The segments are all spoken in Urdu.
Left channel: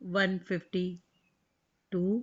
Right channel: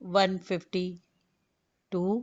152।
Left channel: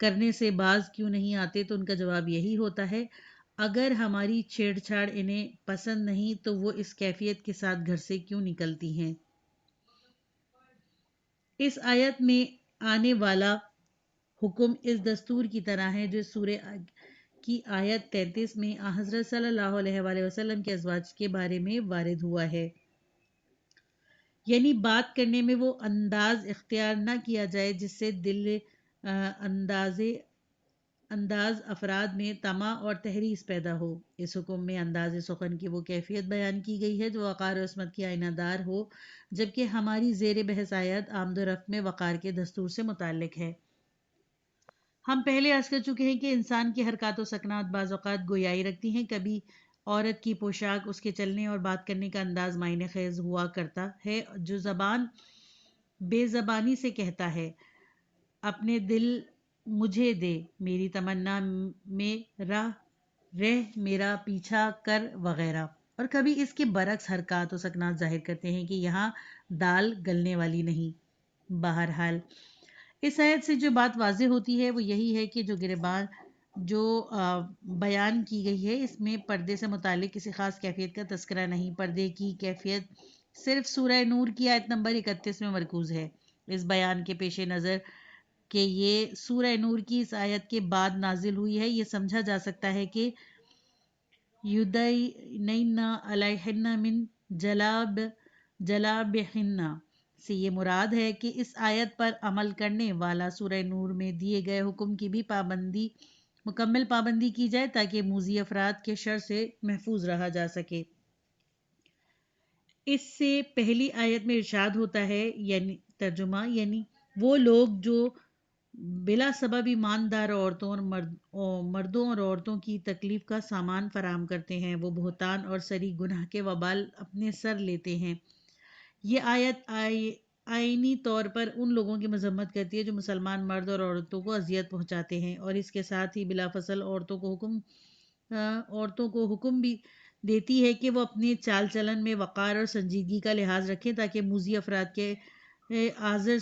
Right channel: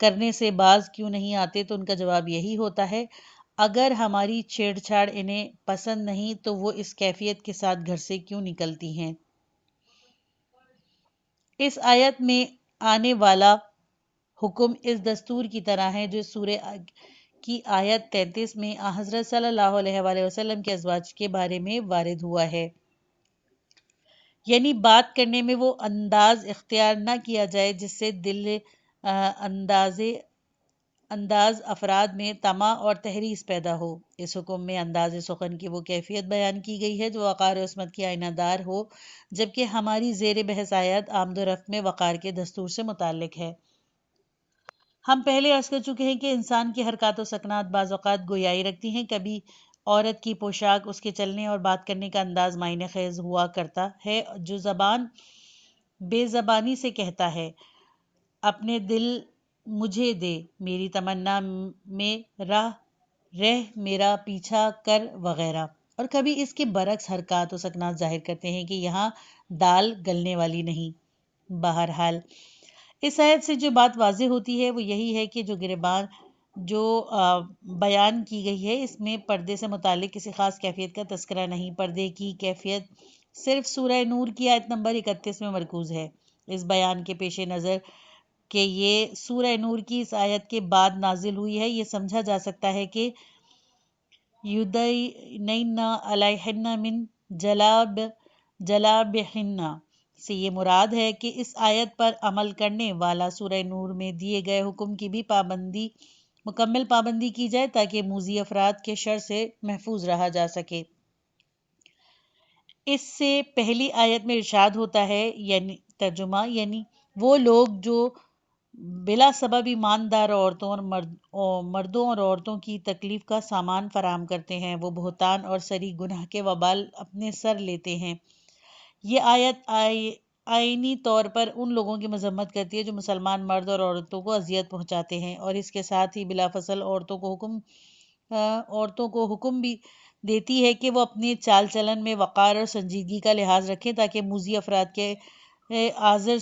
کرنے سے باز کیوں نہیں آتے؟ تو ان کا جواب یہی ہوتا ہے، اگر ہماری چھیڑ چھاڑ انہیں پسند نہیں تو وہ اس کیفیت کے ساتھ گھر سے کیوں نکلتی ہیں؟ اس آیت میں آنے والا حکم اس دستور کی طرح ہے جو سورہ کی آیت 33 میں حضرت صلی اللہ علیہ وآلہ وسلم کے ازواج کے بارے میں وارد ہوا ہے، یعنی بات کرنے میں وہ انداز اختیار نہ کیا جائے جس سے دل انداز افراد میں طمع اور تحریص پیدا ہو۔ اس حکم میں انداز سخن کی وہ کیفیت بیان کی گئی ہے جو وقار و عصمت کی آئینہ دار ہو، جبکہ ہماری زیر بحث آیت آمد و رفت میں وقار کے دستور سے متعلق ہے۔ ہم پہلے عرض کر چکے ہیں کہ انسان کی حرکات و سکنات بعض اوقات گویائی رکھتی ہیں، کبھی عورت کی پوشاک، اس کے چلنے اور بات کرنے کا انداز معنی خیز ہوا کرتا ہے۔ جو زبان بے زبانی سے کہتا ہے اپنے دل مجھے دے، میری تمنا میں رہ میرا پیچھا کر وغیرہ، اور کبھی اس کے برعکس حرکات و سکنات ظاہر کرتے ہیں کہ یہاں دال گلنے والی نہیں۔ بہرحال اس آیت سے جو بات واضح ہوتی ہے وہ یہی ہے کہ جو بیان کی گئی ہے اس میں پردے سے متعلق کسی خاص کیفیت کا تذکرہ نہیں۔ پردے کی کیفیت صرف سورہ نور کی آیت نمبر 31 میں مرکوز ہے۔ اس بیان کے پیش نظر کہ یہ سورہ نور کی اس آیت کے بعد نازل ہوئی ہے، یہ سمجھا جا سکتا ہے کہ یُدْنِینَ عَلَیہنَّ مِن جَلَابِیبِہنَّ سے یہ مراد ہے کہ اس آیت پر عمل کرنے والا سورہ نور میں دیے گئے حکم کی بھی مکمل پابندی کی جائے تاکہ موذی افراد کے شر سے محفوظ رہا جا سکے۔ اس سے پہلی آیت میں ارشاد ہوتا ہے، یعنی ترجمہ، یعنی وہ لوگ جو بلا سبب ایماندار عورتوں اور مردوں اور عورتوں کی تکلیف کا سامان فراہم کرتے ہیں، وہ بہتان اور سری گناہ کے وبال اپنے سر لیتے ہیں۔ یہ آیت آئینی طور پر ان لوگوں کی مذمت کرتی ہے جو مسلمان مرد اور عورتوں کو اذیت پہنچاتے ہیں، اور اس کے ساتھ ہی بلافاصل عورتوں کو حکم بھی دیتی ہے کہ وہ اپنے چال چلن میں وقار اور سنجیدگی کا لحاظ رکھیں تاکہ موذی افراد کے آزر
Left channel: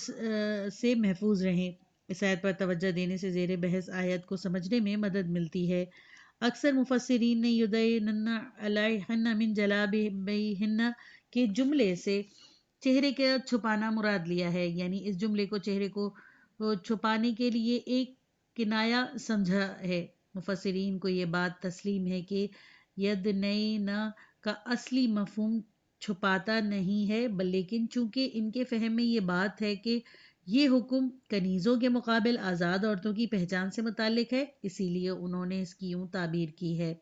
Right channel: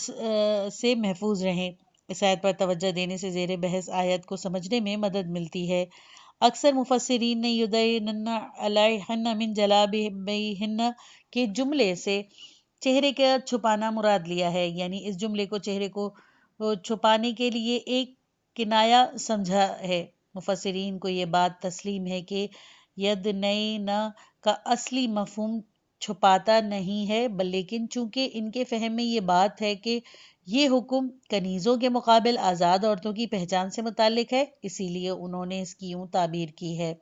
سے محفوظ رہیں۔ اس آیت پر توجہ دینے سے زیر بحث آیت کو سمجھنے میں مدد ملتی ہے۔ اکثر مفسرین نے یُدْنِینَ عَلَیہنَّ مِن جَلَابِیبِہنَّ کے جملے سے چہرے کا چھپانا مراد لیا ہے، یعنی اس جملے کو چہرے کو چھپانے کے لیے ایک کنایہ سمجھا ہے۔ مفسرین کو یہ بات تسلیم ہے کہ یدنین کا اصلی مفہوم چھپاتا نہیں ہے، لیکن چونکہ ان کے فہم میں یہ بات ہے کہ یہ حکم کنیزوں کے مقابل آزاد عورتوں کی پہچان سے متعلق ہے، اسی لیے انہوں نے اس کی یوں تعبیر کی ہے۔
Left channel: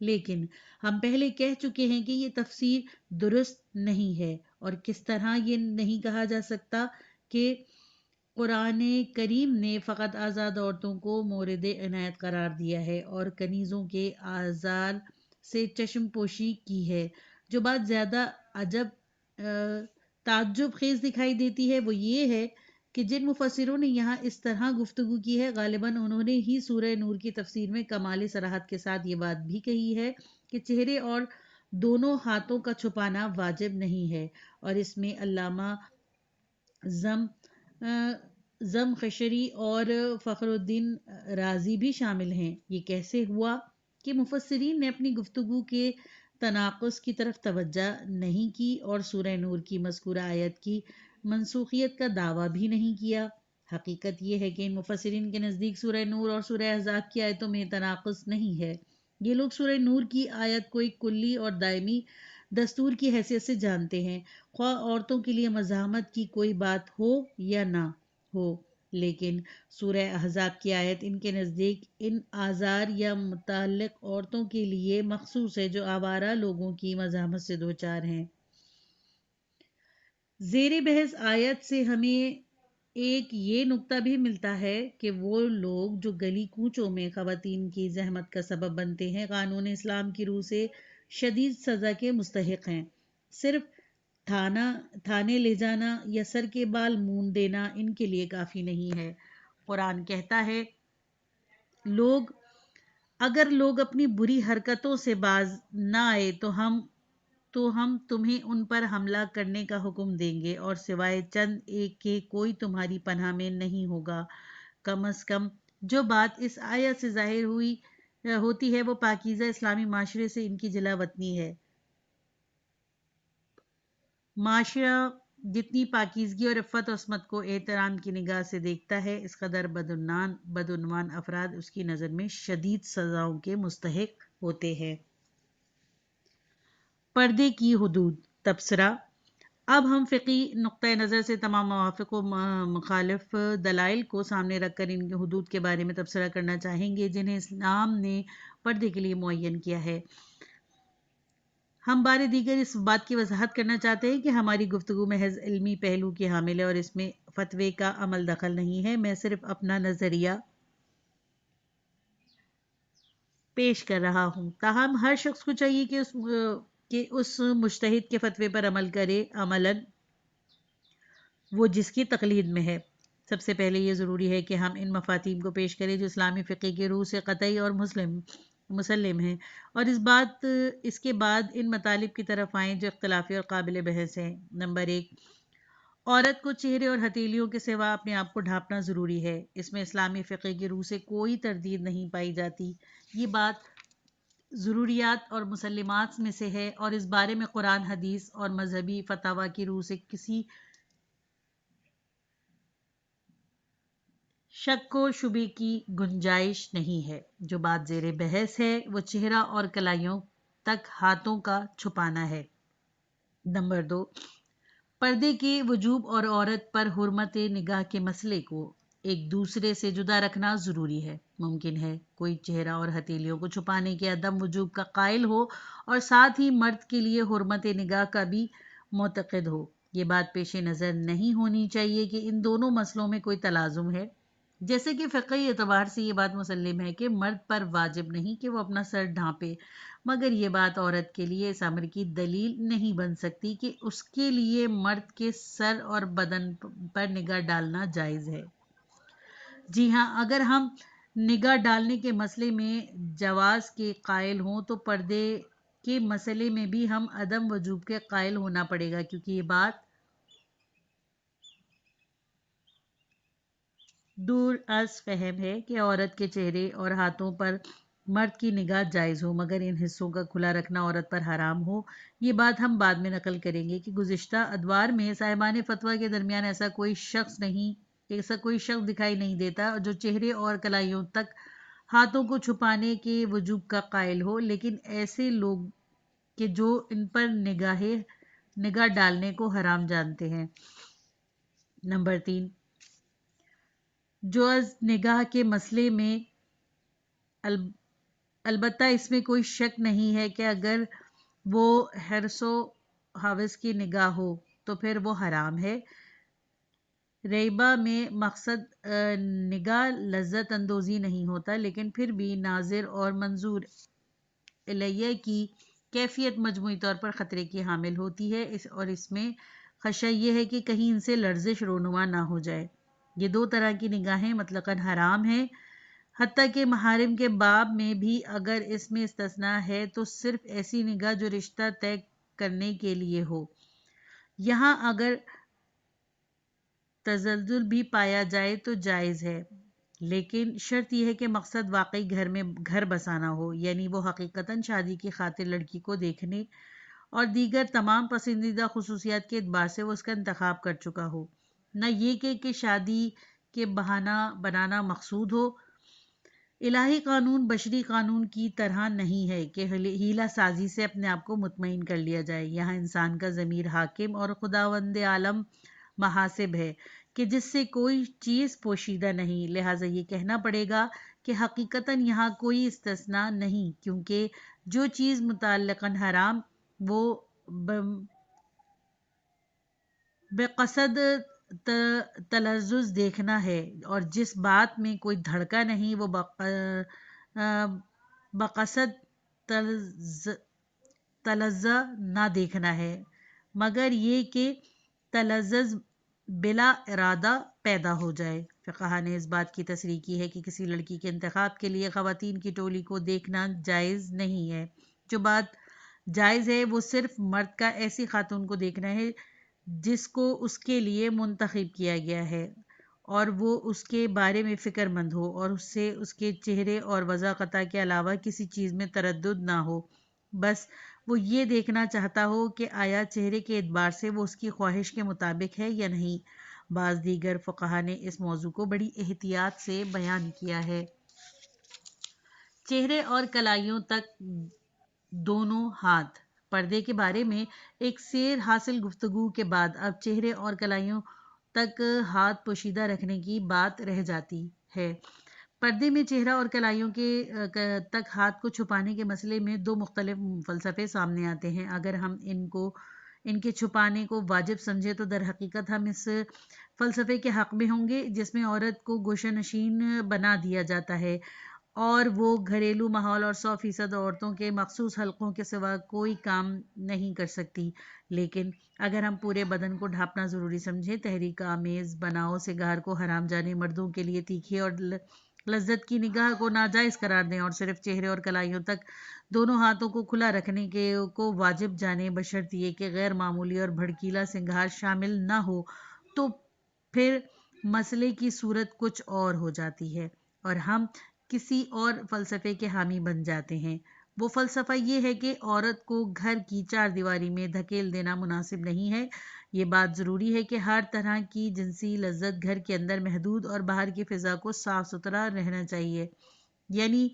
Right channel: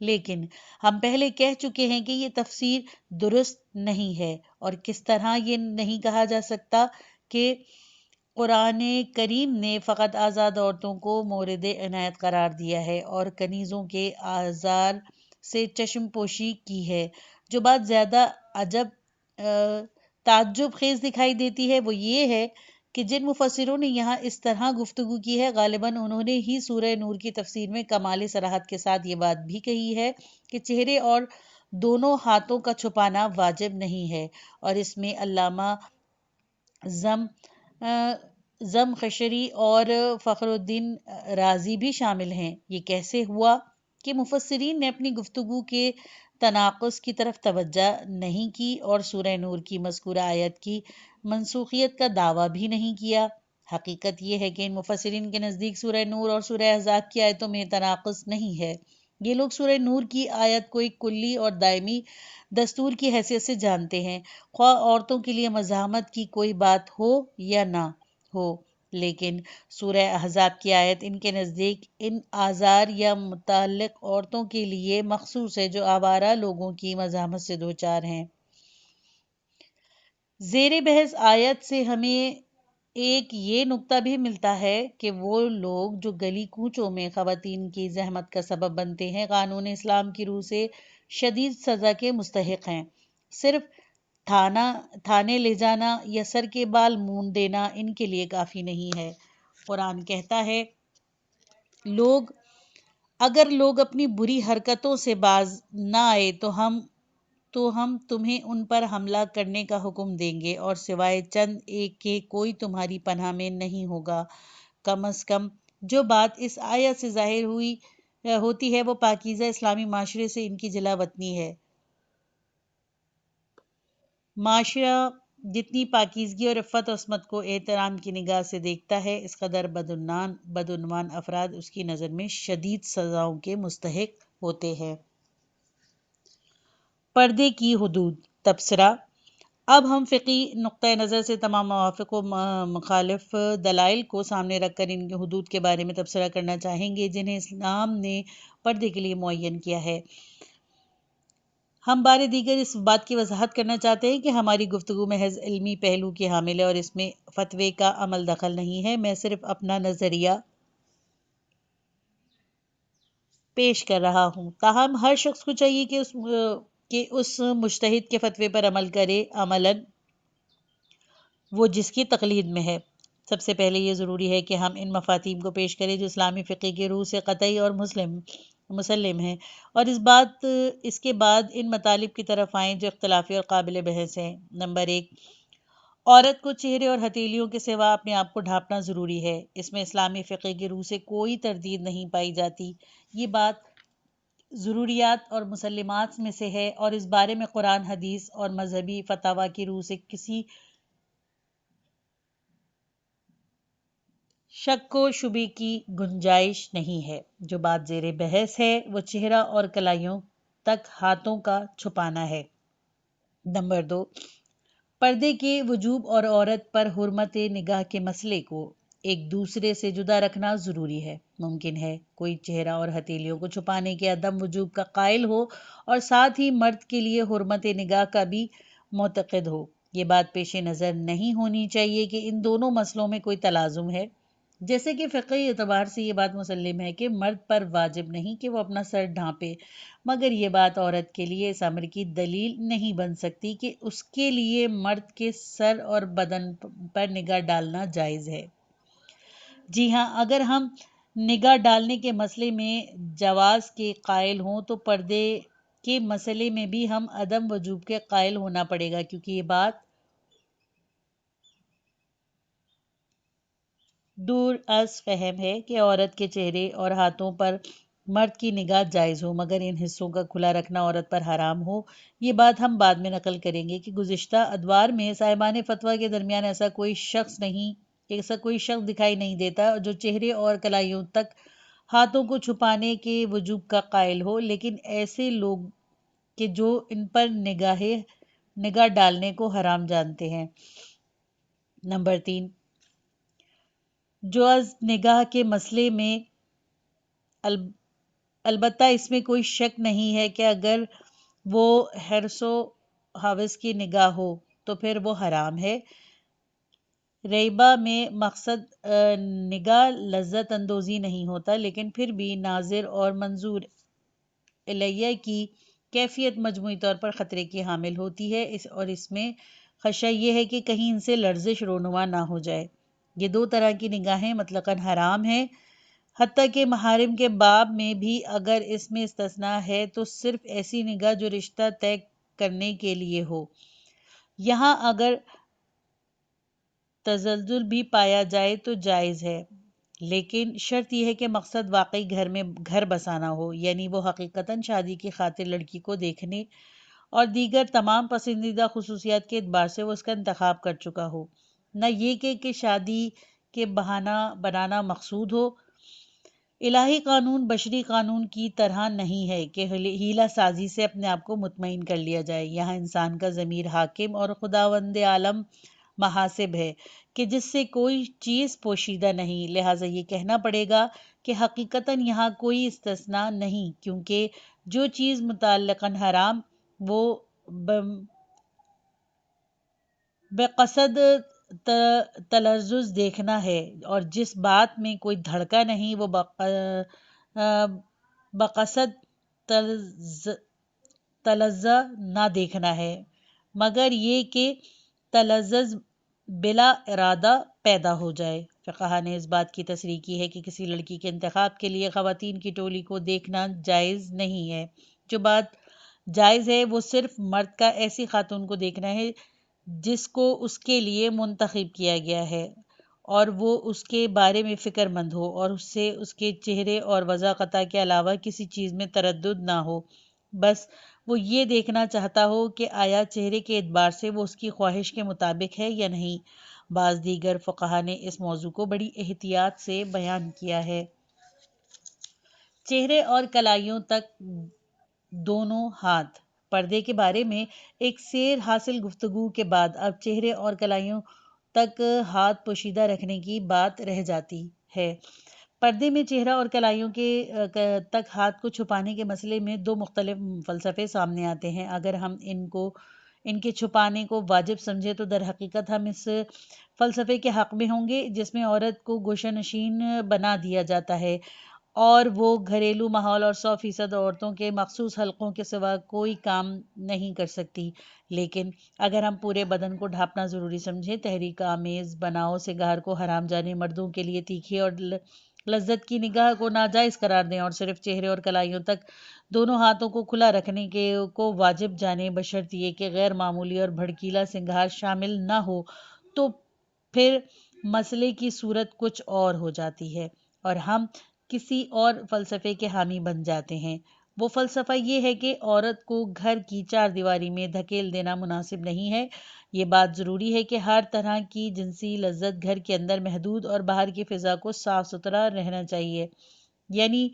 لیکن ہم پہلے کہہ چکے ہیں کہ یہ تفسیر درست نہیں ہے، اور کس طرح یہ نہیں کہا جا سکتا کہ قرآن کریم نے فقط آزاد عورتوں کو مورد عنایت قرار دیا ہے اور کنیزوں کے آزار سے چشم پوشی کی ہے۔ جو بات زیادہ تعجب خیز دکھائی دیتی ہے وہ یہ ہے کہ جن مفسروں نے یہاں اس طرح گفتگو کی ہے غالباً انہوں نے ہی سورہ نور کی تفسیر میں کمال صراحت کے ساتھ یہ بات بھی کہی ہے کہ چہرے اور دونوں ہاتھوں کا چھپانا واجب نہیں ہے، اور اس میں علامہ زمخشری اور فخر الدین رازی بھی شامل ہیں۔ یہ کیسے ہوا کہ مفسرین نے اپنی گفتگو کے تناقض کی طرف توجہ نہیں کی اور سورہ نور کی مذکورہ آیت کی منسوخیت کا دعویٰ بھی نہیں کیا؟ حقیقت یہ ہے کہ ان مفسرین کے نزدیک سورہ نور اور سورہ احزاب کی آیتوں میں تناقض نہیں ہے۔ یہ لوگ سورہ نور کی آیت کو ایک کلی اور دائمی دستور کی حیثیت سے جانتے ہیں، خواہ عورتوں کے لیے مزاحمت کی کوئی بات ہو یا نہ ہو، لیکن سورہ احزاب کی آیت ان کے نزدیک ان آزار یا متعلق عورتوں کے لیے مخصوص ہے جو آوارہ لوگوں کی مزاحمت سے دوچار ہیں۔ زیر بحث آیت سے ہمیں ایک یہ نکتہ بھی ملتا ہے کہ وہ لوگ جو گلی کوچوں میں خواتین کی زحمت کا سبب بنتے ہیں قانون اسلام کی روح سے شدید سزا کے مستحق ہیں۔ صرف تھانے لے جانا یا سر کے بال مونڈ دینا ان کے لیے کافی نہیں ہے۔ قرآن کہتا ہے، اگر لوگ اپنی بری حرکتوں سے باز نہ آئے تو ہم تمہیں ان پر حملہ کرنے کا حکم دیں گے، اور سوائے چند ایک کے کوئی تمہاری پناہ میں نہیں ہوگا، کم از کم جو بات اس آیت سے ظاہر ہوتی ہے وہ پاکیزہ اسلامی معاشرے سے ان کی جلا وطنی ہے۔ معاشرہ جتنی پاکیزگی اور عفت و عصمت کو احترام کی نگاہ سے دیکھتا ہے، اس قدر بدعنوان افراد اس کی نظر میں شدید سزاؤں کے مستحق ہوتے ہیں۔ پردے کی حدود، تبصرہ۔ اب ہم فقہی نقطہ نظر سے تمام موافق و مخالف دلائل کو سامنے رکھ کر ان کی حدود کے بارے میں تبصرہ کرنا چاہیں گے جنہیں اسلام نے پردے کے لیے معین کیا ہے۔ ہم بار دیگر اس بات کی وضاحت کرنا چاہتے ہیں کہ ہماری گفتگو محض علمی پہلو کی حامل ہے اور اس میں فتوے کا عمل دخل نہیں ہے۔ میں صرف اپنا نظریہ پیش کر رہا ہوں۔ تاہم ہر شخص کو چاہیے کہ اس مجتہد کے فتوے پر عمل کرے، عملاً وہ جس کی تقلید میں ہے۔ سب سے پہلے یہ ضروری ہے کہ ہم ان مفاہیم کو پیش کریں جو اسلامی فقہ کی روح سے قطعی اور مسلم ہیں، اور اس کے بعد ان مطالب کی طرف آئیں جو اختلافی اور قابل بحث ہیں۔ نمبر 1، عورت کو چہرے اور ہتھیلیوں کے سوا اپنے آپ کو ڈھانپنا ضروری ہے۔ اس میں اسلامی فقہ کی روح سے کوئی تردید نہیں پائی جاتی۔ یہ بات ضروریات اور مسلمات میں سے ہے اور اس بارے میں قرآن، حدیث اور مذہبی فتاویٰ کی روح سے کسی شک و شبے کی گنجائش نہیں ہے۔ جو بات زیر بحث ہے وہ چہرہ اور کلائیوں تک ہاتھوں کا چھپانا ہے۔ نمبر 2، پردے کے وجوب اور عورت پر حرمت نگاہ کے مسئلے کو ایک دوسرے سے جدا رکھنا ضروری ہے۔ ممکن ہے کوئی چہرہ اور ہتھیلیوں کو چھپانے کے عدم وجوب کا قائل ہو اور ساتھ ہی مرد کے لیے حرمت نگاہ کا بھی معتقد ہو۔ یہ بات پیش نظر نہیں ہونی چاہیے کہ ان دونوں مسئلوں میں کوئی تلازم ہے۔ جیسے کہ فقہی اعتبار سے یہ بات مسلم ہے کہ مرد پر واجب نہیں کہ وہ اپنا سر ڈھانپے، مگر یہ بات عورت کے لیے اس امر کی دلیل نہیں بن سکتی کہ اس کے لیے مرد کے سر اور بدن پر نگاہ ڈالنا جائز ہے۔ جی ہاں، اگر ہم نگاہ ڈالنے کے مسئلے میں جواز کے قائل ہوں تو پردے کے مسئلے میں بھی ہم عدم وجوب کے قائل ہونا پڑے گا، کیونکہ یہ بات دور از فہم ہے کہ عورت کے چہرے اور ہاتھوں پر مرد کی نگاہ جائز ہو مگر ان حصوں کا کھلا رکھنا عورت پر حرام ہو۔ یہ بات ہم بعد میں نقل کریں گے کہ گزشتہ ادوار میں صاحبان فتویٰ کے درمیان ایسا کوئی شخص دکھائی نہیں دیتا جو چہرے اور کلائیوں تک ہاتھوں کو چھپانے کے وجوب کا قائل ہو، لیکن ایسے لوگ کہ جو ان پر نگاہ ڈالنے کو حرام جانتے ہیں۔ نمبر 3، جواز نگاہ کے مسئلے میں البتہ اس میں کوئی شک نہیں ہے کہ اگر وہ حرص و ہوس کی نگاہ ہو تو پھر وہ حرام ہے۔ ریبہ میں مقصد نگاہ لذت اندوزی نہیں ہوتا، لیکن پھر بھی ناظر اور منظور الیہ کی کیفیت مجموعی طور پر خطرے کی حامل ہوتی ہے، اور اس میں خدشہ یہ ہے کہ کہیں ان سے لرزش رونما نہ ہو جائے۔ یہ دو طرح کی نگاہیں مطلقاً حرام ہیں، حتیٰ کہ محارم کے باب میں بھی اگر اس میں استثناء ہے تو صرف ایسی نگاہ جو رشتہ طے کرنے کے لیے ہو۔ یہاں اگر تزلزل بھی پایا جائے تو جائز ہے، لیکن شرط یہ ہے کہ مقصد واقعی گھر بسانا ہو، یعنی وہ حقیقتاً شادی کی خاطر لڑکی کو دیکھنے اور دیگر تمام پسندیدہ خصوصیات کے اعتبار سے وہ اس کا انتخاب کر چکا ہو، نہ یہ کہ شادی کے بہانہ بنانا مقصود ہو۔ الہی قانون بشری قانون کی طرح نہیں ہے کہ ہیلہ سازی سے اپنے آپ کو مطمئن کر لیا جائے۔ یہاں انسان کا ضمیر حاکم اور خداوند عالم محاسب ہے کہ جس سے کوئی چیز پوشیدہ نہیں، لہٰذا یہ کہنا پڑے گا کہ حقیقتاً یہاں کوئی استثناء نہیں، کیونکہ جو چیز متعلقاً حرام وہ بقصد تلذذ دیکھنا ہے، اور جس بات میں کوئی دھڑکا نہیں وہ بقصد تلذذ نہ دیکھنا ہے، مگر یہ کہ تلذذ بلا ارادہ پیدا ہو جائے۔ فقہا نے اس بات کی تصریح کی ہے کہ کسی لڑکی کے انتخاب کے لیے خواتین کی ٹولی کو دیکھنا جائز نہیں ہے۔ جو بات جائز ہے وہ صرف مرد کا ایسی خاتون کو دیکھنا ہے جس کو اس کے لیے منتخب کیا گیا ہے اور وہ اس کے بارے میں فکر مند ہو اور اس سے اس کے چہرے اور وضع خطا کے علاوہ کسی چیز میں تردد نہ ہو، بس وہ یہ دیکھنا چاہتا ہو کہ آیا چہرے کے اعتبار سے وہ اس کی خواہش کے مطابق ہے یا نہیں۔ بعض دیگر فقہا نے اس موضوع کو بڑی احتیاط سے بیان کیا ہے۔ چہرے اور کلائیوں تک دونوں ہاتھ۔ پردے کے بارے میں ایک سیر حاصل گفتگو کے بعد اب چہرے اور کلائیوں تک ہاتھ پوشیدہ رکھنے کی بات رہ جاتی ہے۔ پردے میں چہرہ اور کلائیوں کے تک ہاتھ کو چھپانے کے مسئلے میں دو مختلف فلسفے سامنے آتے ہیں۔ اگر ہم ان کے چھپانے کو واجب سمجھے تو در حقیقت ہم اس فلسفے کے حق میں ہوں گے جس میں عورت کو گوشہ نشین بنا دیا جاتا ہے اور وہ گھریلو ماحول اور 100% عورتوں کے مخصوص حلقوں کے سوا کوئی کام نہیں کر سکتی۔ لیکن اگر ہم پورے بدن کو ڈھانپنا ضروری سمجھیں، تحریک آمیز بناؤ سگار کو حرام جانے مردوں کے لیے تیکھی اور لذت کی نگاہ کو ناجائز قرار دیں اور صرف چہرے اور کلائیوں تک دونوں ہاتھوں کو کھلا رکھنے کو واجب جانے بشرط یہ کہ غیر معمولی اور بھڑکیلا سنگار شامل نہ ہو، تو پھر مسئلے کی صورت کچھ اور ہو جاتی ہے اور ہم کسی اور فلسفے کے حامی بن جاتے ہیں۔ وہ فلسفہ یہ ہے کہ عورت کو گھر کی چار دیواری میں دھکیل دینا مناسب نہیں ہے۔ یہ بات ضروری ہے کہ ہر طرح کی جنسی لذت گھر کے اندر محدود اور باہر کی فضا کو صاف ستھرا رہنا چاہیے، یعنی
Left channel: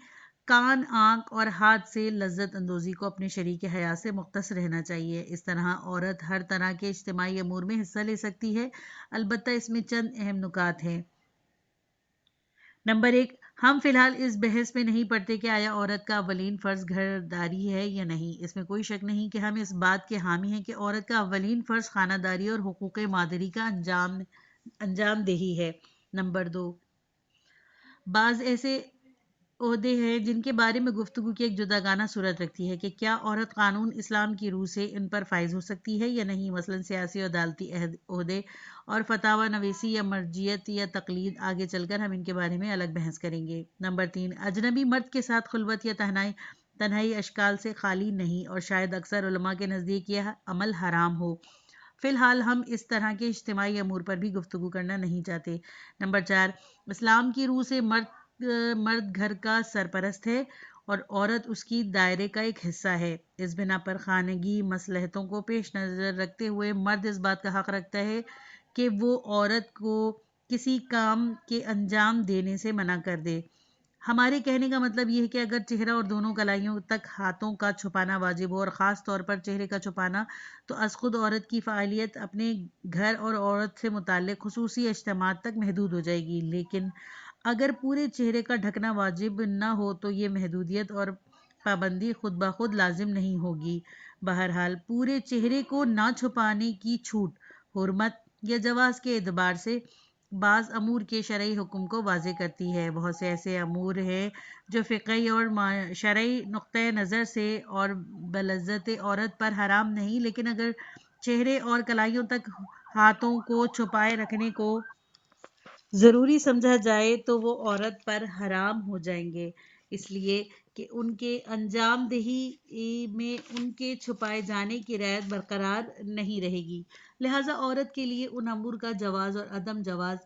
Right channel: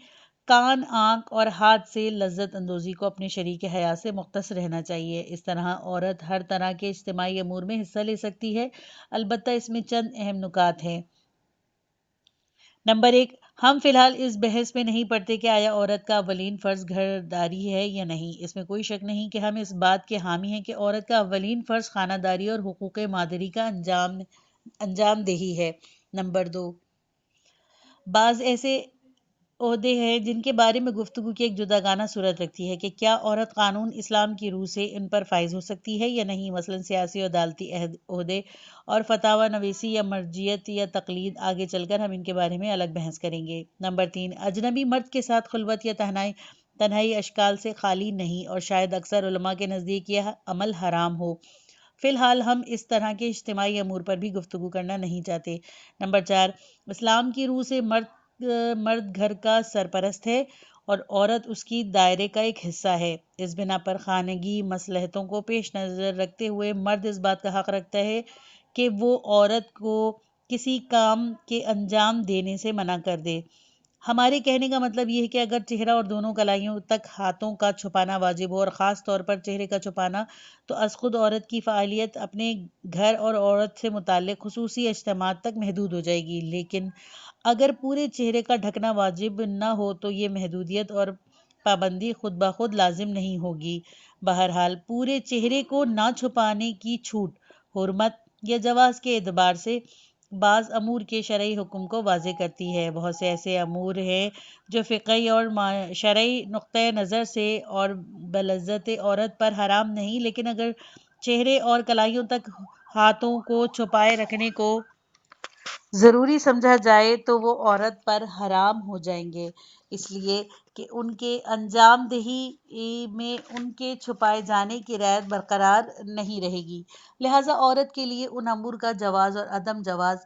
کان، آنکھ اور ہاتھ سے لذت اندوزی کو اپنے شریک حیات سے مختص رہنا چاہیے۔ اس طرح عورت ہر طرح کے اجتماعی امور میں حصہ لے سکتی ہے، البتہ اس میں چند اہم نکات ہیں۔ نمبر 1، ہم فی الحال اس بحث میں نہیں پڑتے کہ آیا عورت کا اولین فرض گھر داری ہے یا نہیں۔ اس میں کوئی شک نہیں کہ ہم اس بات کے حامی ہیں کہ عورت کا اولین فرض خانہ داری اور حقوق مادری کا انجام دہی ہے۔ نمبر 2، بعض ایسے عہدے ہیں جن کے بارے میں گفتگو کی ایک جداگانہ صورت رکھتی ہے کہ کیا عورت قانون اسلام کی روح سے ان پر فائز ہو سکتی ہے یا نہیں، مثلا سیاسی اور عدالتی عہدے اور فتاوی نویسی یا مرجعیت یا تقلید۔ آگے چل کر ہم ان کے بارے میں الگ بحث کریں گے۔ نمبر 3، اجنبی مرد کے ساتھ خلوت یا تنہائی اشکال سے خالی نہیں اور شاید اکثر علماء کے نزدیک یہ عمل حرام ہو۔ فی الحال ہم اس طرح کے اجتماعی امور پر بھی گفتگو کرنا نہیں چاہتے۔ نمبر 4، اسلام کی روح سے مرد گھر کا سرپرست ہے اور عورت اس کی دائرے کا ایک حصہ ہے۔ اس بنا پر خانگی مصلحتوں کو پیش نظر رکھتے ہوئے مرد اس بات کا حق رکھتا ہے کہ وہ عورت کو کسی کام کے انجام دینے سے منع کر دے۔ ہمارے کہنے کا مطلب یہ ہے کہ اگر چہرہ اور دونوں کلائیوں تک ہاتھوں کا چھپانا واجب ہو اور خاص طور پر چہرے کا چھپانا، تو از خود عورت کی فعالیت اپنے گھر اور عورت سے متعلق خصوصی اجتماعات تک محدود ہو جائے گی۔ لیکن اگر پورے چہرے کا ڈھکنا واجب نہ ہو تو یہ محدودیت اور پابندی خود بخود لازم نہیں ہوگی۔ بہرحال پورے چہرے کو نہ چھپانے کی چھوٹ حرمت یا جواز کے اعتبار سے بعض امور کے شرعی حکم کو واضح کرتی ہے۔ بہت سے ایسے امور ہیں جو فقہی اور شرعی نقطۂ نظر سے اور بلذت عورت پر حرام نہیں، لیکن اگر چہرے اور کلائیوں تک ہاتھوں کو چھپائے رکھنے کو ضروری سمجھا جائے تو وہ عورت پر حرام ہو جائیں گے، اس لیے کہ ان کے انجام دہی میں ان کے چھپائے جانے کی رعایت برقرار نہیں رہے گی۔ لہٰذا عورت کے لیے ان امور کا جواز اور عدم جواز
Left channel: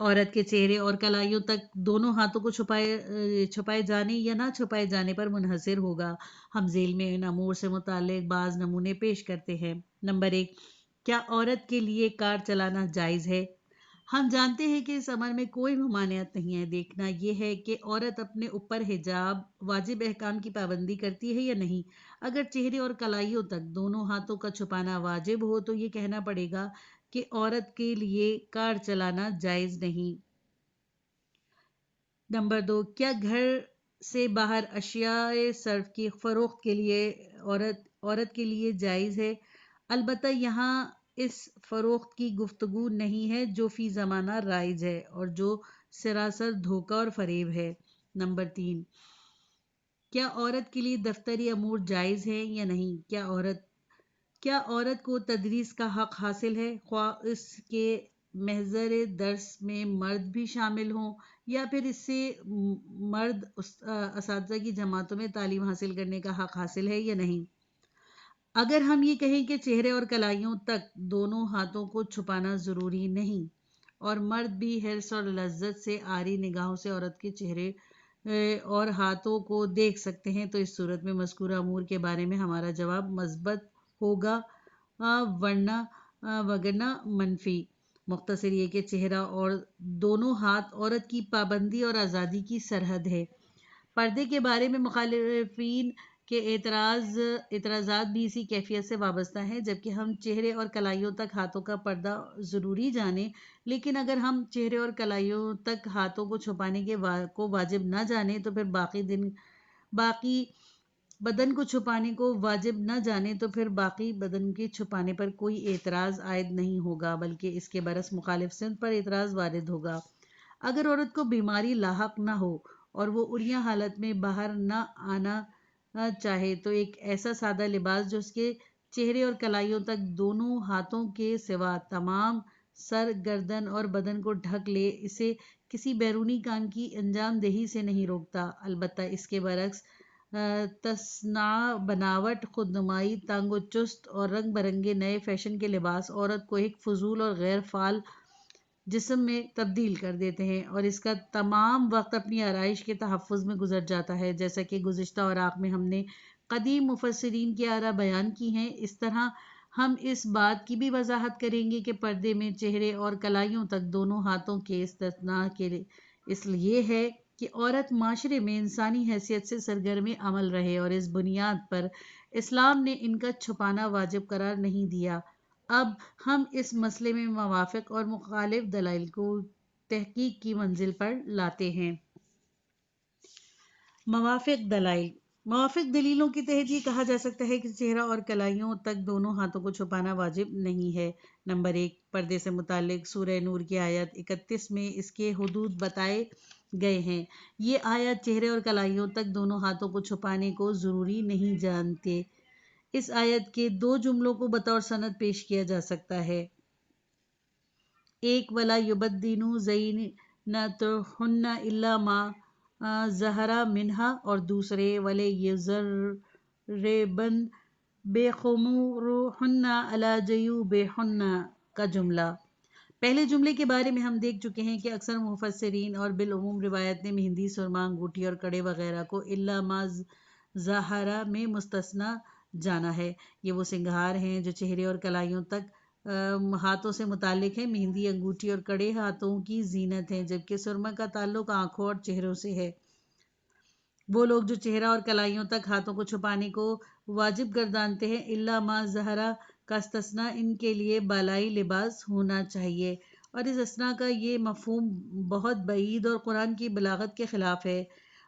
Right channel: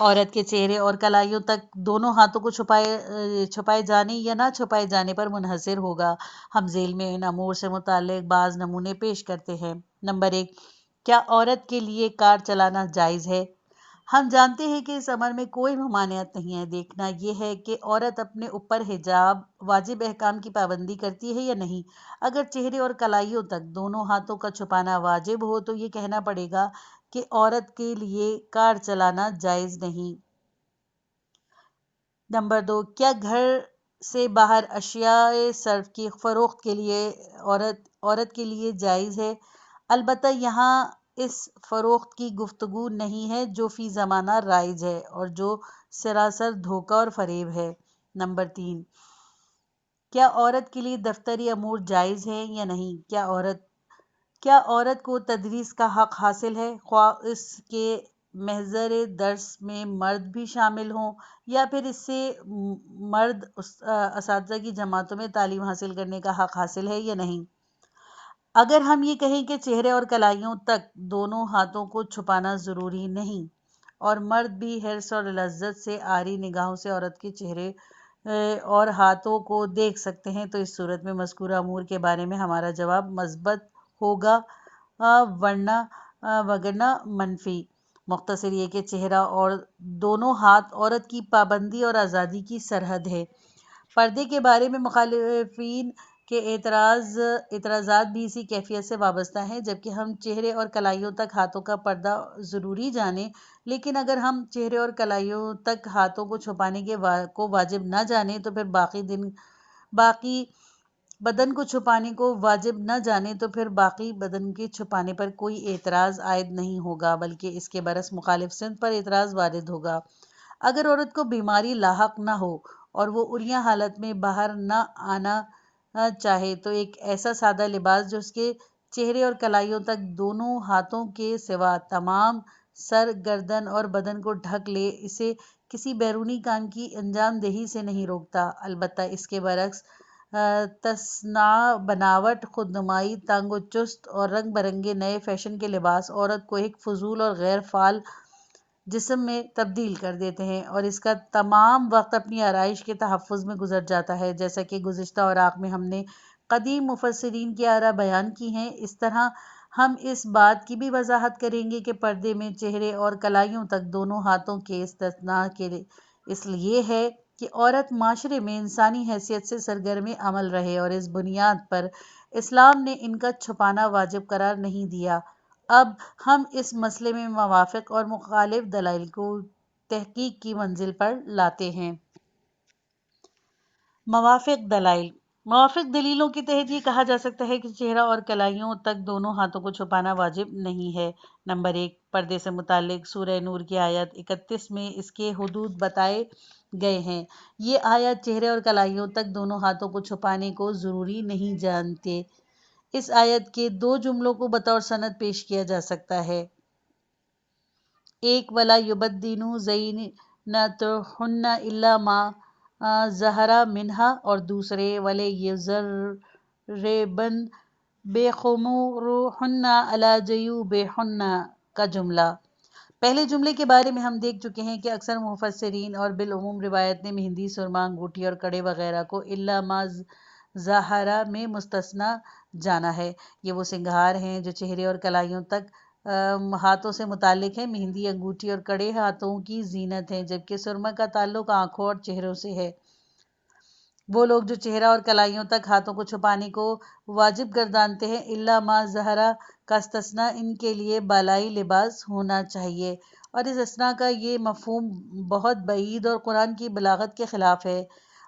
عورت کے چہرے اور کلائیوں تک دونوں ہاتھوں کو چھپائے جانے یا نہ چھپائے جانے پر منحصر ہوگا۔ ہم ذیل میں ان امور سے متعلق بعض نمونے پیش کرتے ہیں۔ نمبر 1، کیا عورت کے لیے کار چلانا جائز ہے؟ ہم جانتے ہیں کہ اس امر میں کوئی ممانعت نہیں ہے۔ دیکھنا یہ ہے کہ عورت اپنے اوپر حجاب واجب احکام کی پابندی کرتی ہے یا نہیں۔ اگر چہرے اور کلائیوں تک دونوں ہاتھوں کا چھپانا واجب ہو تو یہ کہنا پڑے گا کہ عورت کے لیے کار چلانا جائز نہیں۔ نمبر 2، کیا گھر سے باہر اشیاء صرف کی فروخت کے لیے عورت کے لیے جائز ہے؟ البتہ یہاں اس فروخت کی گفتگو نہیں ہے جو فی زمانہ رائج ہے اور جو سراسر دھوکہ اور فریب ہے۔ نمبر 3، کیا عورت کے لیے دفتری امور جائز ہیں یا نہیں؟ کیا عورت کو تدریس کا حق حاصل ہے، خواہ اس کے محضر درس میں مرد بھی شامل ہوں یا پھر اس سے مرد اساتذہ کی جماعتوں میں تعلیم حاصل کرنے کا حق حاصل ہے یا نہیں؟ اگر ہم یہ کہیں کہ چہرے اور کلائیوں تک دونوں ہاتھوں کو چھپانا ضروری نہیں اور مرد بھی حرص اور لذت سے عاری نگاہوں سے عورت کے چہرے اور ہاتھوں کو دیکھ سکتے ہیں، تو اس صورت میں مذکورہ امور کے بارے میں ہمارا جواب مثبت ہوگا، وگرنہ منفی۔ مختصر یہ کہ چہرہ اور دونوں ہاتھ عورت کی پابندی اور آزادی کی سرحد ہے۔ پردے کے بارے میں مخالفین کے اعتراضات بھی اسی کیفیت سے وابستہ ہیں۔ جبکہ ہم چہرے اور کلائیوں تک ہاتھوں کا پردہ ضروری جانیں، لیکن اگر ہم چہرے اور کلائیوں تک ہاتھوں کو چھپانے کو واجب نہ جانیں تو پھر باقی بدن کو چھپانے کو واجب نہ جانیں تو پھر باقی بدن کے چھپانے پر کوئی اعتراض عائد نہیں ہوگا، بلکہ اس کے برعکس مخالف سمت پر اعتراض وارد ہوگا۔ اگر عورت کو بیماری لاحق نہ ہو اور وہ عریاں حالت میں باہر نہ آنا چاہے تو ایک ایسا سادہ لباس جو اس کے چہرے اور کلائیوں تک دونوں ہاتھوں کے سوا تمام سر، گردن اور بدن کو ڈھک لے، اسے کسی بیرونی کام کی انجام دہی سے نہیں روکتا۔ البتہ اس کے برعکس تصنع، بناوٹ، خودنمائی، تنگ و چست اور رنگ برنگے نئے فیشن کے لباس عورت کو ایک فضول اور غیر فعال جسم میں تبدیل کر دیتے ہیں اور اس کا تمام وقت اپنی آرائش کے تحفظ میں گزر جاتا ہے۔ جیسا کہ گزشتہ اوراق میں ہم نے قدیم مفسرین کی آراء بیان کی ہیں، اس طرح ہم اس بات کی بھی وضاحت کریں گے کہ پردے میں چہرے اور کلائیوں تک دونوں ہاتھوں کے استثناء اس لیے ہے کہ عورت معاشرے میں انسانی حیثیت سے سرگرم عمل رہے اور اس بنیاد پر اسلام نے ان کا چھپانا واجب قرار نہیں دیا۔ اب ہم اس مسئلے میں موافق اور مخالف دلائل کو تحقیق کی منزل پر لاتے ہیں۔ موافق دلیلوں کے تحت یہ کہا جا سکتا ہے کہ چہرہ اور کلائیوں تک دونوں ہاتھوں کو چھپانا واجب نہیں ہے۔ نمبر 1، پردے سے متعلق سورہ نور کی آیت 31 میں اس کے حدود بتائے گئے ہیں۔ یہ آیت چہرے اور کلائیوں تک دونوں ہاتھوں کو چھپانے کو ضروری نہیں جانتے۔ اس آیت کے 2 جملوں کو بطور سند پیش کیا جا سکتا ہے۔ ایک، وَلَا يُبَدِّينُ زِينَتَهُنَّ إِلَّا مَا ظَهَرَ مِنْهَا، اور دوسرے، وَلْيَضْرِبْنَ بِخُمُورِهِنَّ عَلَى جِيوبِهِنَّ کا جملہ۔ پہلے جملے کے بارے میں ہم دیکھ چکے ہیں کہ اکثر مفسرین اور بالعموم روایت نے مہندی، سرما، انگوٹھی اور کڑے وغیرہ کو إِلَّا مَا ظَهَرَ میں مستثنیٰ جانا ہے۔ یہ وہ سنگھار ہیں جو چہرے اور کلائیوں تک ہاتھوں سے متعلق ہیں۔ مہندی، انگوٹھی اور کڑے ہاتھوں کی زینت ہیں، جبکہ سرما کا تعلق آنکھوں اور چہروں سے ہے۔ وہ لوگ جو چہرہ اور کلائیوں تک ہاتھوں کو چھپانے کو واجب گردانتے ہیں، إِلَّا مَا ظَهَرَ کا استثناء ان کے لیے بالائی لباس ہونا چاہیے، اور اس استثناء کا یہ مفہوم بہت بعید اور قرآن کی بلاغت کے خلاف ہے۔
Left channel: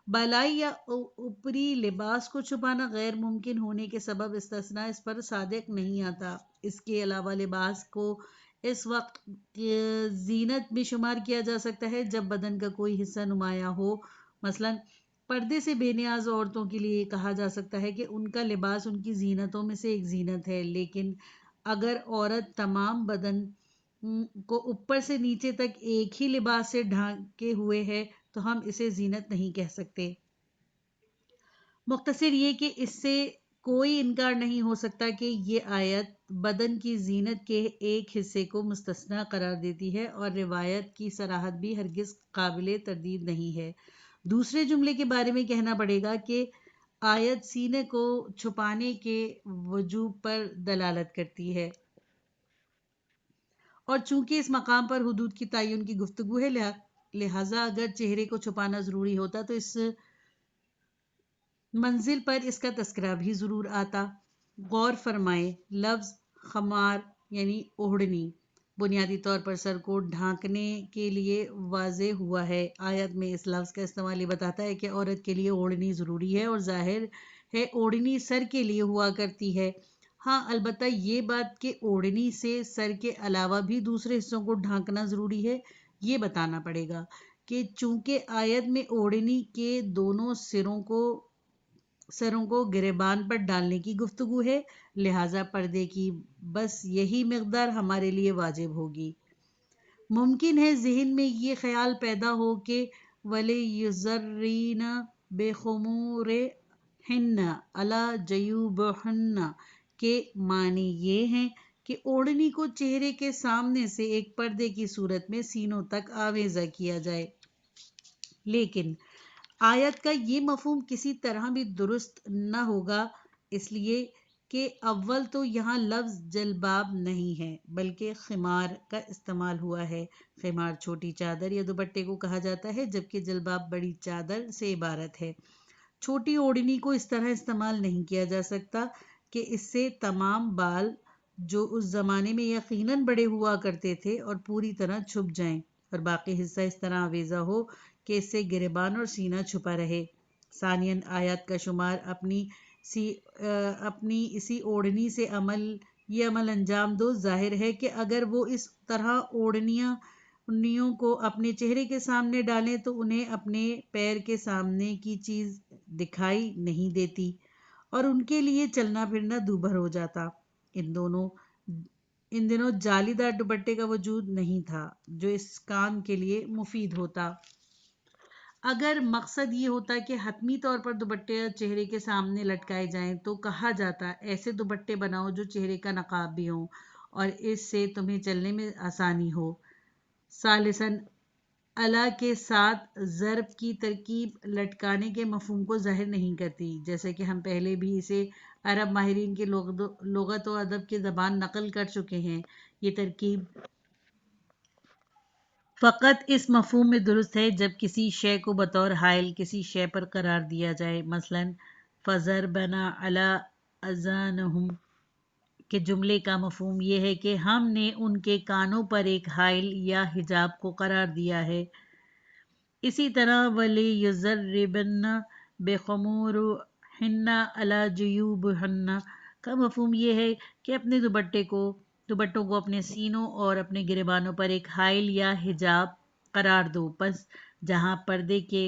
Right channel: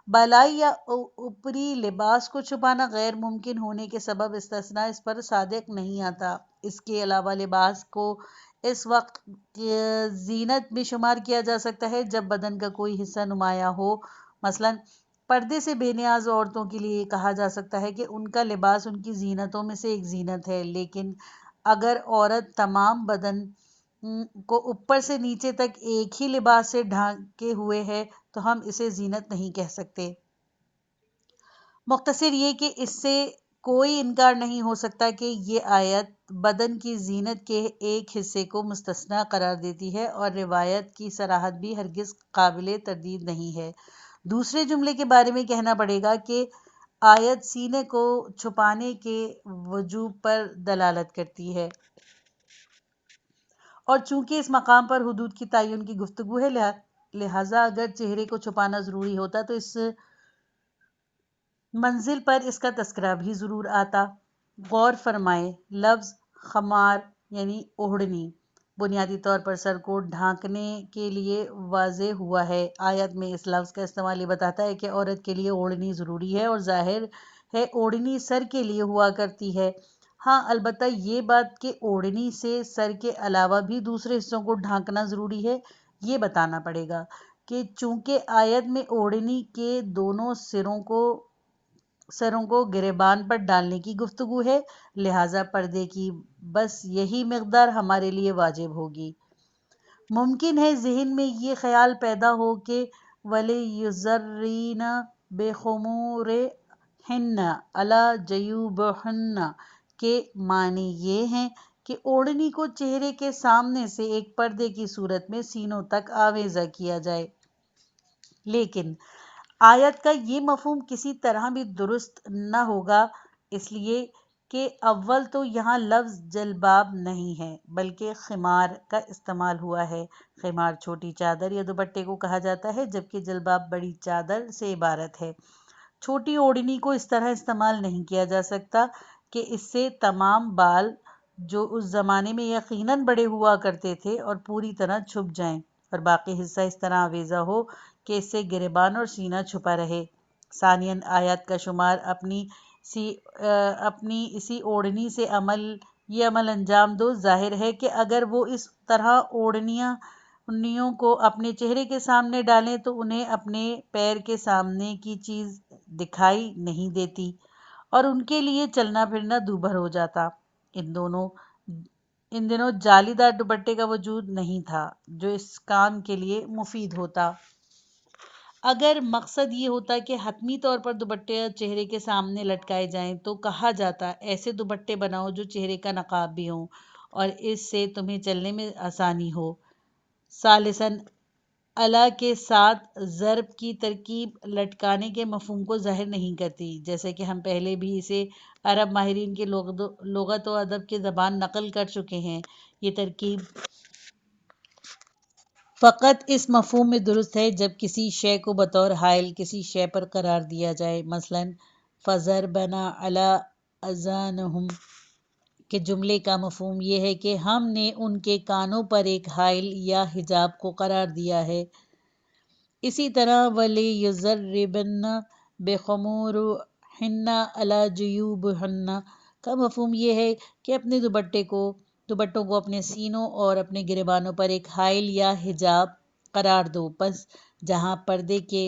بالائی یا اوپری لباس کو چھپانا غیر ممکن ہونے کے سبب استثناء اس پر صادق نہیں آتا۔ اس کے علاوہ لباس کو اس وقت زینت میں شمار کیا جا سکتا ہے جب بدن کا کوئی حصہ نمایاں ہو۔ مثلاً پردے سے بے نیاز عورتوں کے لیے کہا جا سکتا ہے کہ ان کا لباس ان کی زینتوں میں سے ایک زینت ہے، لیکن اگر عورت تمام بدن کو اوپر سے نیچے تک ایک ہی لباس سے ڈھانکے ہوئے ہے تو ہم اسے زینت نہیں کہہ سکتے۔ مختصر یہ کہ اس سے کوئی انکار نہیں ہو سکتا کہ یہ آیت بدن کی زینت کے ایک حصے کو مستثنیٰ قرار دیتی ہے اور روایت کی صراحت بھی ہرگز قابل تردید نہیں ہے۔ دوسرے جملے کے بارے میں کہنا پڑے گا کہ آیت سینے کو چھپانے کے وجوب پر دلالت کرتی ہے، اور چونکہ اس مقام پر حدود کی تعین کی گفتگو ہے، لہٰذا اگر چہرے کو چھپانا ضروری ہوتا تو اس منزل پر اس کا تذکرہ بھی ضرور آتا۔ غور فرمائیں، لفظ خمار یعنی اوڑھنی بنیادی طور پر سر کو ڈھانکنے کے لیے واضح ہوا ہے۔ آیت میں اس لفظ کا استعمال یہ بتاتا ہے کہ عورت کے لیے اوڑھنی ضروری ہے، اور ظاہر ہے اوڑھنی سر کے لیے ہوا کرتی ہے۔ ہاں، البتہ یہ بات کہ اوڑھنی سے سر کے علاوہ بھی دوسرے حصوں کو ڈھانکنا ضروری ہے، یہ بتانا پڑے گا کہ چونکہ آیت میں اوڑھنی کے دونوں سروں کو گریبان پر ڈالنے کی گفتگو ہے، لہٰذا پردے کی بس یہی مقدار ہمارے لیے واجب ہوگی۔ ممکن ہے ذہن میں یہ خیال پیدا ہو کہ وَلْيُضْرِبْنَ بِخُمُورِهِنَّ عَلَى جِيوبِهِنَّ کے معنی یہ ہیں کہ اوڑھنی کو چہرے کے سامنے سے ایک پردے کی صورت میں سینوں تک آویزہ کیا جائے، لیکن آیت کا یہ مفہوم کسی طرح بھی درست نہ ہوگا، اس لیے کہ اول تو یہاں لفظ جلباب نہیں ہے بلکہ خمار کا استعمال ہوا ہے۔ خمار چھوٹی چادر یا دوپٹے کو کہا جاتا ہے، جبکہ جلباب بڑی چادر سے عبارت ہے۔ چھوٹی اوڑھنی کو اس طرح استعمال نہیں کیا جا سکتا کہ اس سے تمام بال جو اس زمانے میں یقیناً بڑے ہوا کرتے تھے اور پوری طرح چھپ جائیں، اور باقی حصہ اس طرح آویزہ ہو کہ اس سے گریبان اور سینہ چھپا رہے۔ ثانیاً آیات کا شمار اپنی اسی اوڑھنی سے یہ عمل انجام دو، ظاہر ہے کہ اگر وہ اس طرح اوڑھنیوں کو اپنے چہرے کے سامنے ڈالیں تو انہیں اپنے پیر کے سامنے کی چیز دکھائی نہیں دیتی اور ان کے لیے چلنا پھرنا دوبھر ہو جاتا۔ ان دنوں جالی دار دوپٹے کا وجود نہیں تھا جو اس کام کے لیے مفید ہوتا۔ اگر مقصد یہ ہوتا کہ حتمی طور پر دوپٹے چہرے کے سامنے لٹکائے جائیں تو کہا جاتا ایسے دوپٹے بناؤ جو چہرے کا نقاب بھی ہوں اور اس سے تمہیں چلنے میں آسانی ہو۔ ثالثاً الا کے ساتھ ضرب کی ترکیب لٹکانے کے مفہوم کو ظاہر نہیں کرتی، جیسا کہ ہم پہلے بھی اسے عرب ماہرین کی لغت و ادب کی زبان نقل کر چکے ہیں۔ یہ ترکیب فقط اس مفہوم میں درست ہے جب کسی شے کو بطور حائل کسی شے پر قرار دیا جائے، مثلاً فَضَرَبْنَا عَلَىٰ آذَانِهِمْ کے جملے کا مفہوم یہ ہے کہ ہم نے ان کے کانوں پر ایک حائل یا حجاب کو قرار دیا ہے۔ اسی طرح وَلِيَضْرِبْنَ بِخُمُورِهِنَّ عَلَىٰ جُيُوبِهِنَّ کا مفہوم یہ ہے کہ اپنے دوپٹوں کو اپنے سینوں اور اپنے گریبانوں پر ایک حائل یا حجاب قرار دو۔ پس جہاں پردے کے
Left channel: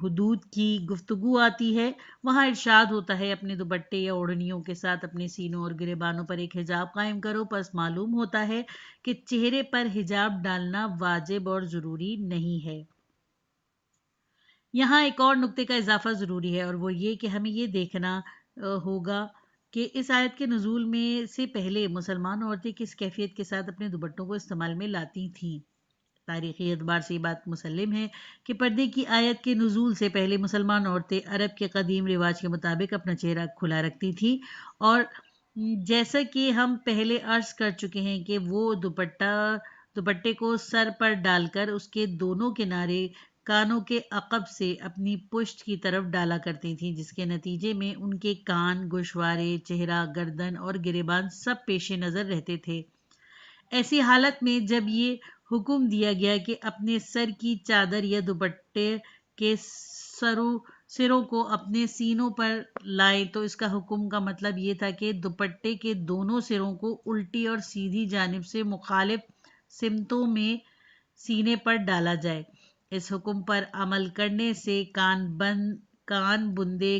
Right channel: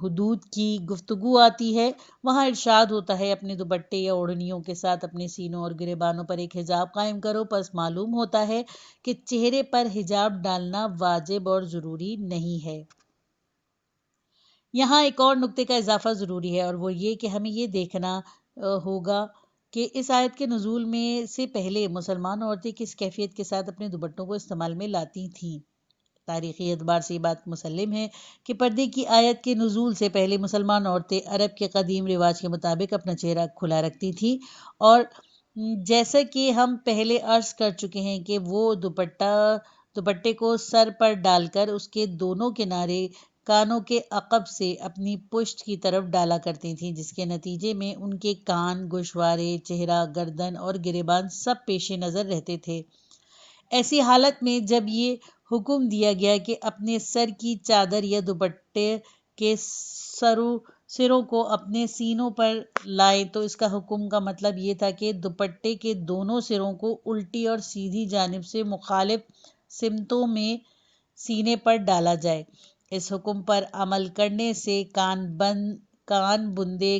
حدود کی گفتگو آتی ہے وہاں ارشاد ہوتا ہے اپنے دوپٹے یا اوڑھنیوں کے ساتھ اپنے سینوں اور گریبانوں پر ایک حجاب قائم کرو۔ پس معلوم ہوتا ہے کہ چہرے پر حجاب ڈالنا واجب اور ضروری نہیں ہے۔ یہاں ایک اور نکتے کا اضافہ ضروری ہے اور وہ یہ کہ ہمیں یہ دیکھنا ہوگا کہ اس آیت کے نزول میں سے پہلے مسلمان عورتیں کس کیفیت کے ساتھ اپنے دوپٹوں کو استعمال میں لاتی تھیں۔ تاریخی اعتبار سے یہ بات مسلم ہے کہ پردے کی آیت کے نزول سے پہلے مسلمان عورتیں عرب کے قدیم رواج کے مطابق اپنا چہرہ کھلا رکھتی تھیں، اور جیسا کہ ہم پہلے عرض کر چکے ہیں کہ وہ دوپٹے کو سر پر ڈال کر اس کے دونوں کنارے کانوں کے عقب سے اپنی پشت کی طرف ڈالا کرتی تھیں، جس کے نتیجے میں ان کے کان، گوشوارے، چہرہ، گردن اور گریبان سب پیش نظر رہتے تھے۔ ایسی حالت میں جب یہ حکم دیا گیا کہ اپنے سر کی چادر یا دوپٹے کے سروں کو اپنے سینوں پر لائیں تو اس کا حکم کا مطلب یہ تھا کہ دوپٹے کے دونوں سروں کو الٹی اور سیدھی جانب سے مخالف سمتوں میں سینے پر ڈالا جائے۔ اس حکم پر عمل کرنے سے کان بندے،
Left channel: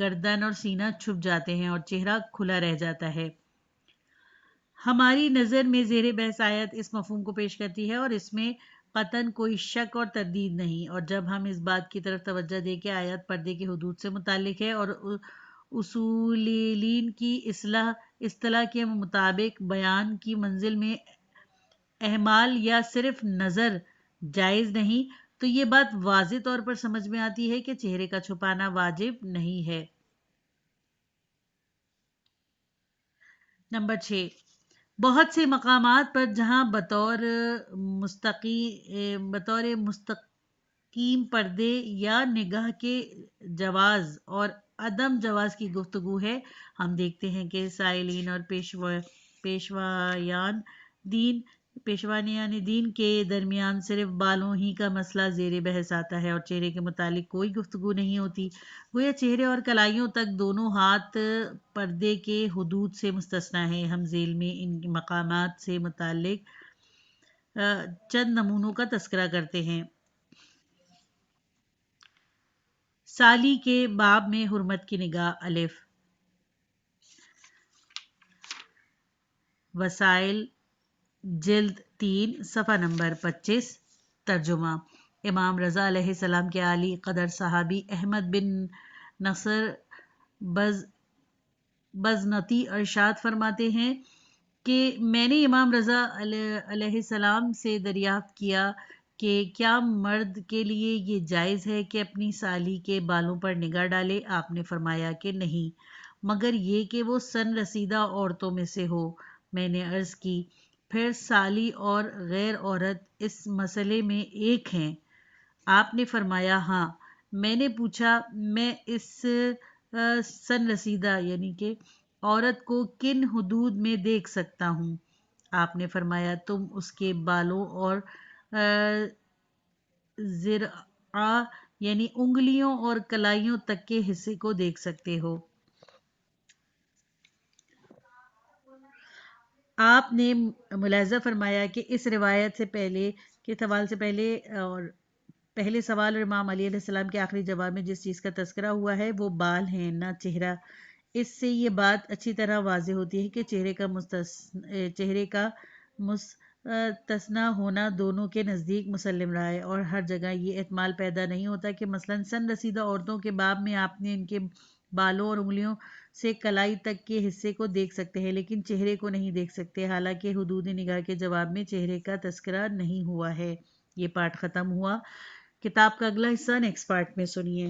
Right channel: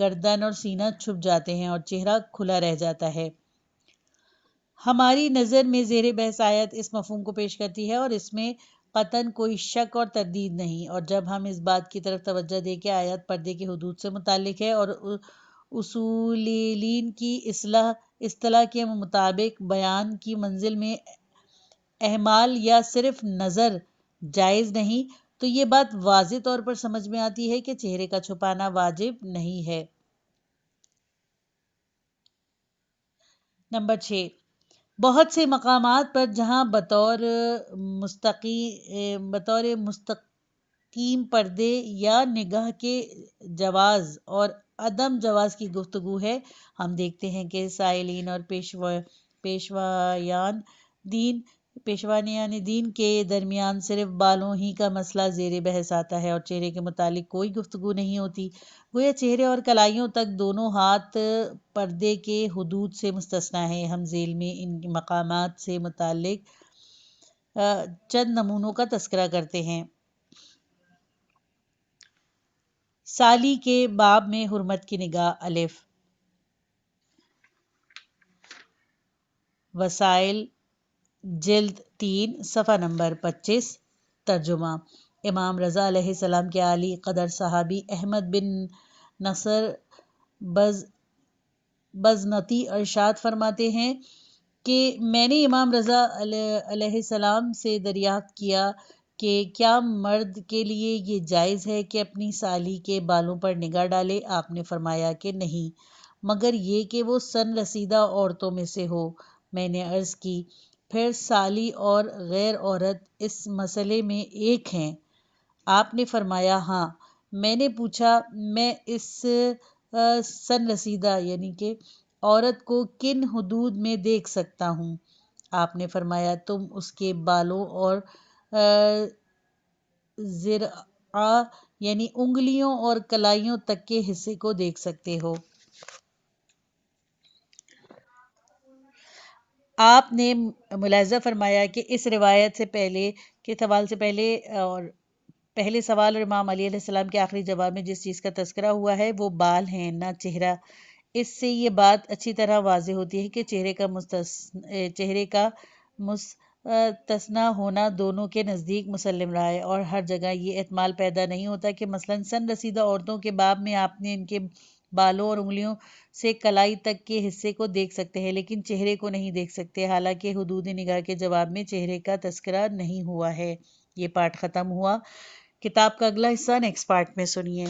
گردن اور سینہ چھپ جاتے ہیں اور چہرہ کھلا رہ جاتا ہے۔ ہماری نظر میں زیر بحث آیت اس مفہوم کو پیش کرتی ہے اور اس میں قطعاً کوئی شک اور تردید نہیں، اور جب ہم اس بات کی طرف توجہ دیں کہ آیت پردے کی حدود سے متعلق ہے اور اصولین کی اصطلاح کے مطابق بیان کی منزل میں احمال یا صرف نظر جائز نہیں، تو یہ بات واضح طور پر سمجھ میں آتی ہے کہ چہرے کا چھپانا واجب نہیں ہے۔ نمبر 6، بہت سے مقامات پر جہاں بطور مستقیم پردے یا نگاہ کے جواز اور عدم جواز کی گفتگو ہے، ہم دیکھتے ہیں کہ سائلین اور پیشوایان دین کے درمیان صرف بالوں ہی کا مسئلہ زیر بحث آتا ہے اور چہرے کے متعلق کوئی گفتگو نہیں ہوتی، گویا چہرے اور کلائیوں تک دونوں ہاتھ پردے کے حدود سے مستثنیٰ ہیں۔ ہم ذیل میں ان مقامات سے متعلق چند نمونوں کا تذکرہ کرتے ہیں۔ سالی کے باب میں حرمت کی نگاہ الف، وسائل جلد 3 صفحہ نمبر 25۔ ترجمہ: امام رضا علیہ السلام کے عالی قدر صحابی احمد بن نصر بزنتی ارشاد فرماتے ہیں کہ میں نے امام رضا علیہ السلام سے دریافت کیا کہ کیا مرد کے لیے یہ جائز ہے کہ اپنی سالی کے بالوں پر نگاہ ڈالے؟ آپ نے فرمایا کہ نہیں، مگر یہ کہ وہ سن رسیدہ عورتوں میں سے ہو۔ میں نے عرض کی پھر سالی اور غیر عورت اس مسئلے میں ایک ہیں؟ آپ نے فرمایا ہاں۔ میں نے پوچھا میں اس سن رسیدہ یعنی کہ عورت کو کن حدود میں دیکھ سکتا ہوں؟ آپ نے فرمایا تم اس کے بالوں اور ذرا یعنی انگلیوں اور کلائیوں تک کے حصے کو دیکھ سکتے ہو۔ آپ نے ملاحظہ فرمایا کہ اس روایت سے پہلے کے سوال سے پہلے اور پہلے سوال اور امام علی علیہ السلام کے آخری جواب میں جس چیز کا تذکرہ ہوا ہے وہ بال ہیں نہ چہرہ۔ اس سے یہ بات اچھی طرح واضح ہوتی ہے کہ چہرے کا مستثنیٰ ہونا دونوں کے نزدیک مسلم رہا ہے، اور ہر جگہ یہ احتمال پیدا نہیں ہوتا کہ مثلاً سن رسیدہ عورتوں کے باب میں آپ نے ان کے بالوں اور انگلیوں سے کلائی تک کے حصے کو دیکھ سکتے ہیں لیکن چہرے کو نہیں دیکھ سکتے، حالانکہ حدود نگاہ کے جواب میں چہرے کا تذکرہ نہیں ہوا ہے۔ یہ پارٹ ختم ہوا۔ کتاب کا اگلا حصہ نیکسٹ پارٹ میں سنیے۔